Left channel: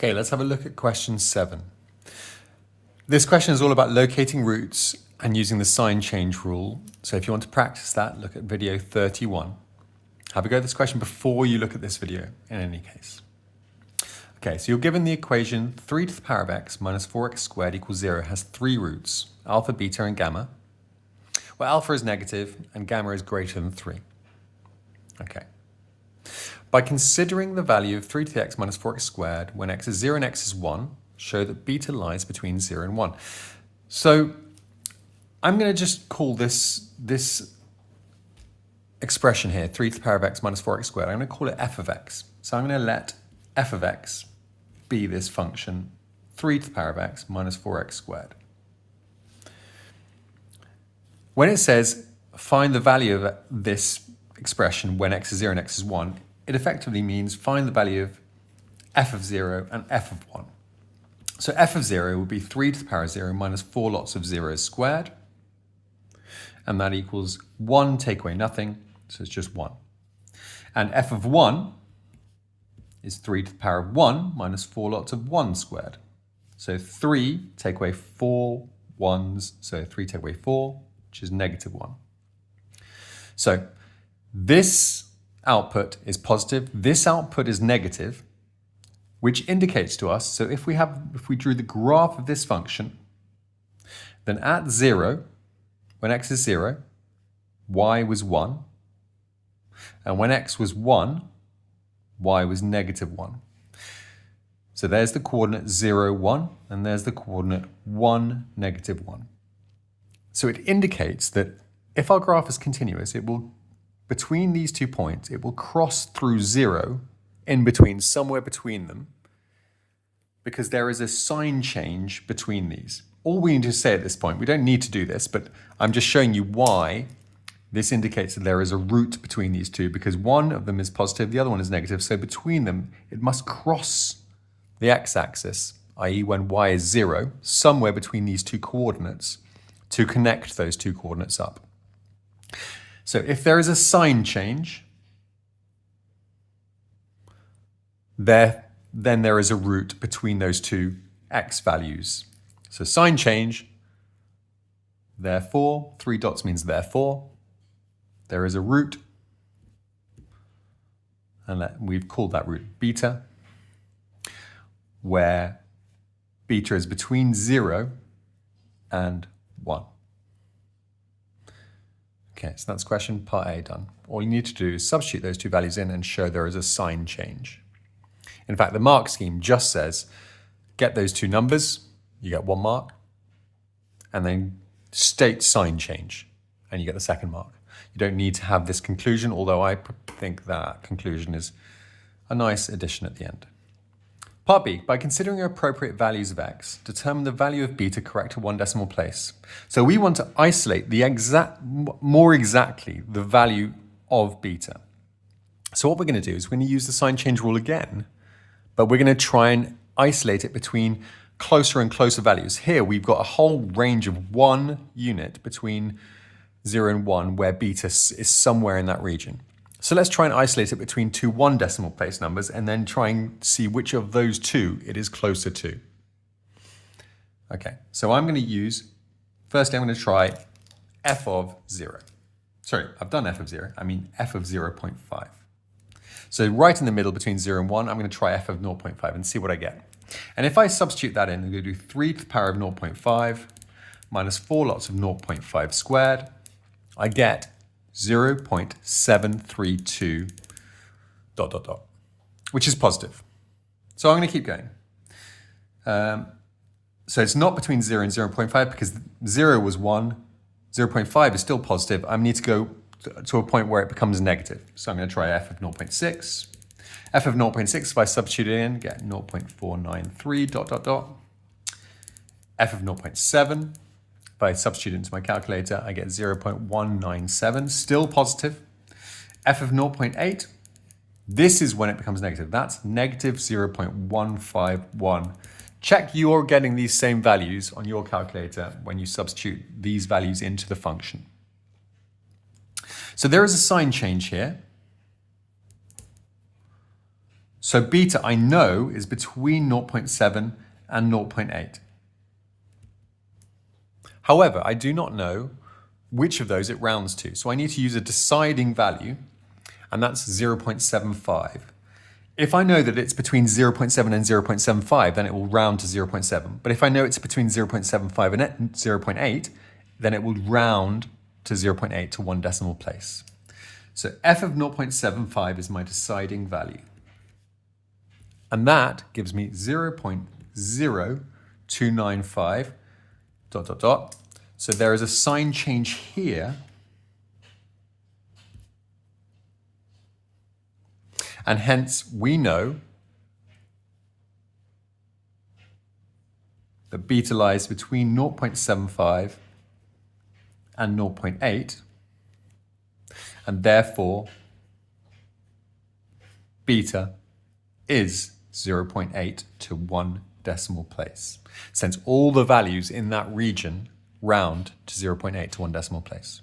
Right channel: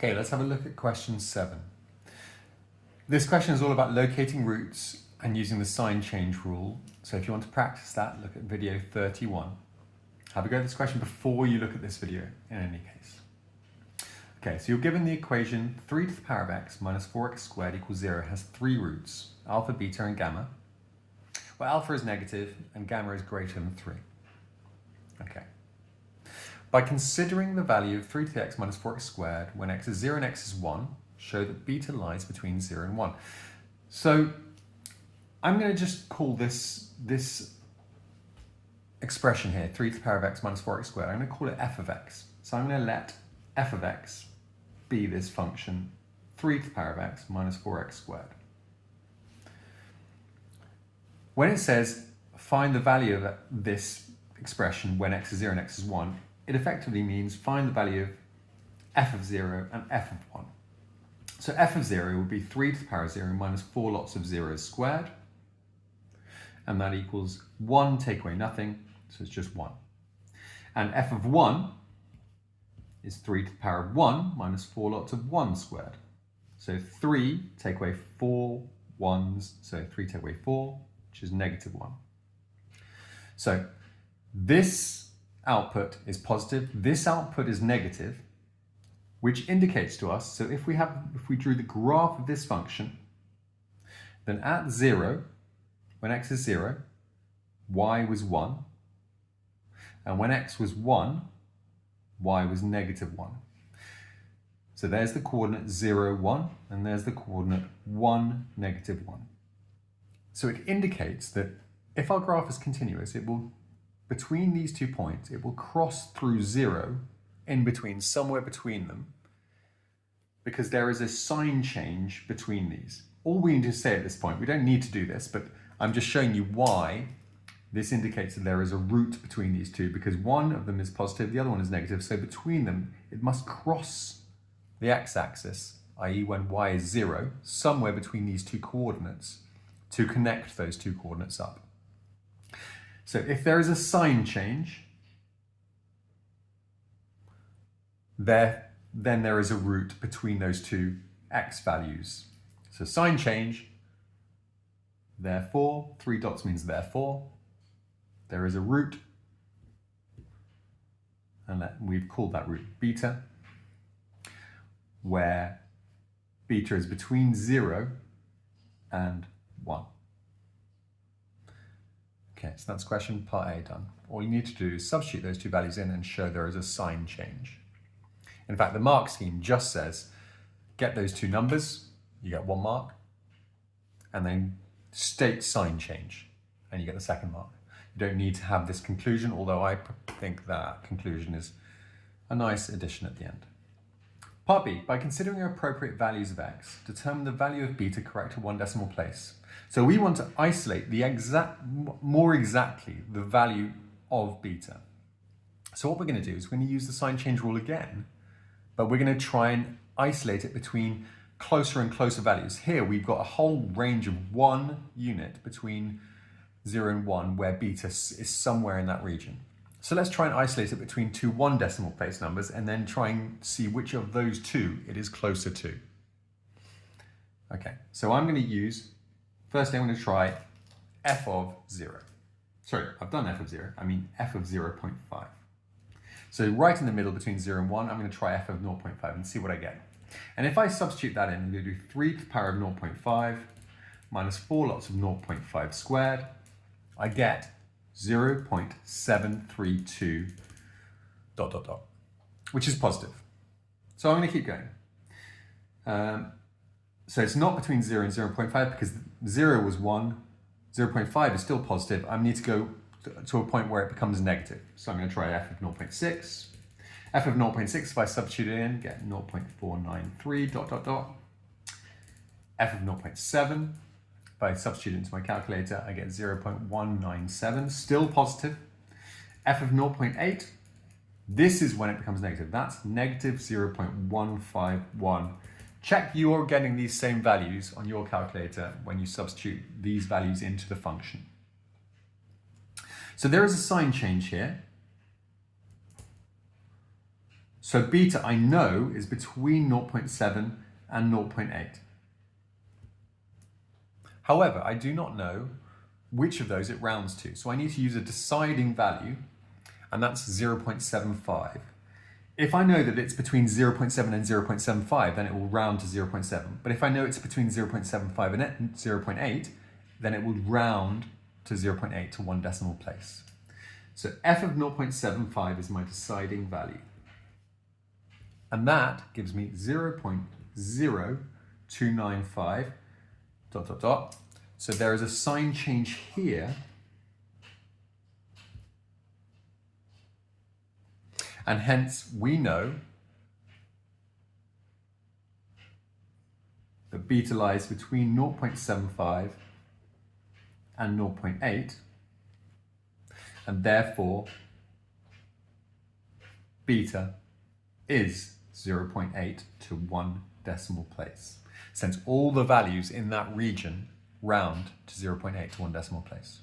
Okay, let's have a look at question 7. This question is all about locating roots and using the sign change rule. So if you want to practice that, look at video 31. Have a go at this question before you look at this video, in any case. Okay, so you're given the equation 3 to the power of x minus 4x squared equals 0 has 3 roots, alpha, beta, and gamma, where alpha is negative and gamma is greater than 3. Okay. By considering the value of 3 to the x minus 4x squared when x is 0 and x is 1, show that beta lies between 0 and 1. So I'm going to just call this expression here, 3 to the power of x minus 4x squared, I'm going to call it f of x. So I'm going to let f of x be this function, 3 to the power of x minus 4x squared. When it says find the value of this expression when x is 0 and x is 1, it effectively means find the value of f of 0 and f of 1. So f of 0 will be 3 to the power of 0 minus 4 lots of zeros squared. And that equals 1 take away nothing, so it's just 1. And f of 1 is 3 to the power of 1 minus 4 lots of 1 squared. So 3 take away 4 1s, so 3 take away 4, which is negative 1. So this output is positive, this output is negative, which indicates to us, so if we drew the graph of this function, then at 0, when x is 0, y was 1, and when x was 1, y was negative 1. So there's the coordinate 0, 1, and there's the coordinate 1, negative 1. So it indicates that if our graph is continuous, it will, between these 2 points, it will cross through 0 in between, somewhere between them, because there is a sign change between these. All we need to say at this point, we don't need to do this, but I'm just showing you why this indicates that there is a root between these two, because one of them is positive, the other one is negative. So between them, it must cross the x-axis, i.e. when y is 0, somewhere between these two coordinates to connect those two coordinates up. So if there is a sign change, then there is a root between those two x values. So sign change, therefore, 3 dots means therefore, there is a root, and we've called that root beta, where beta is between 0 and 1. Okay, so that's question part A done. All you need to do is substitute those two values in and show there is a sign change. In fact, the mark scheme just says, get those two numbers, you get 1 mark, and then state sign change, and you get the 2nd mark. You don't need to have this conclusion, although I think that conclusion is a nice addition at the end. Part B, by considering appropriate values of x, determine the value of beta correct to 1 decimal place. So we want to isolate more exactly the value of beta. So what we're going to do is we're going to use the sign change rule again, but we're going to try and isolate it between closer and closer values. Here we've got a whole range of 1 unit between 0 and 1 where beta is somewhere in that region. So let's try and isolate it between 2 1 decimal place numbers and then try and see which of those two it is closer to. Okay, so I'm going to use, firstly I'm going to try f of 0. Sorry, I've done f of 0, I mean f of 0.5. So right in the middle between 0 and 1, I'm going to try f of 0.5 and see what I get. And if I substitute that in, I'm going to do 3 to the power of 0.5 minus 4 lots of 0.5 squared. I get 0.732 ... which is positive. So I'm going to keep going. So it's not between 0 and 0.5 because 0 was 1, 0.5 is still positive. I need to go to a point where it becomes negative. So I'm going to try f of 0.6. f of 0.6, if I substitute it in, get 0.493 ... f of 0.7. If I substitute it into my calculator, I get 0.197, still positive. f of 0.8, this is when it becomes negative. That's negative 0.151. Check you're getting these same values on your calculator when you substitute these values into the function. So there is a sign change here. So beta I know is between 0.7 and 0.8. However, I do not know which of those it rounds to. So I need to use a deciding value, and that's 0.75. If I know that it's between 0.7 and 0.75, then it will round to 0.7. But if I know it's between 0.75 and 0.8, then it will round to 0.8 to one decimal place. So f of 0.75 is my deciding value. And that gives me 0.0295 ... So there is a sign change here. And hence we know that beta lies between 0.75 and 0.8. And therefore, beta is 0.8 to one decimal place, since all the values in that region round to 0.8 to one decimal place.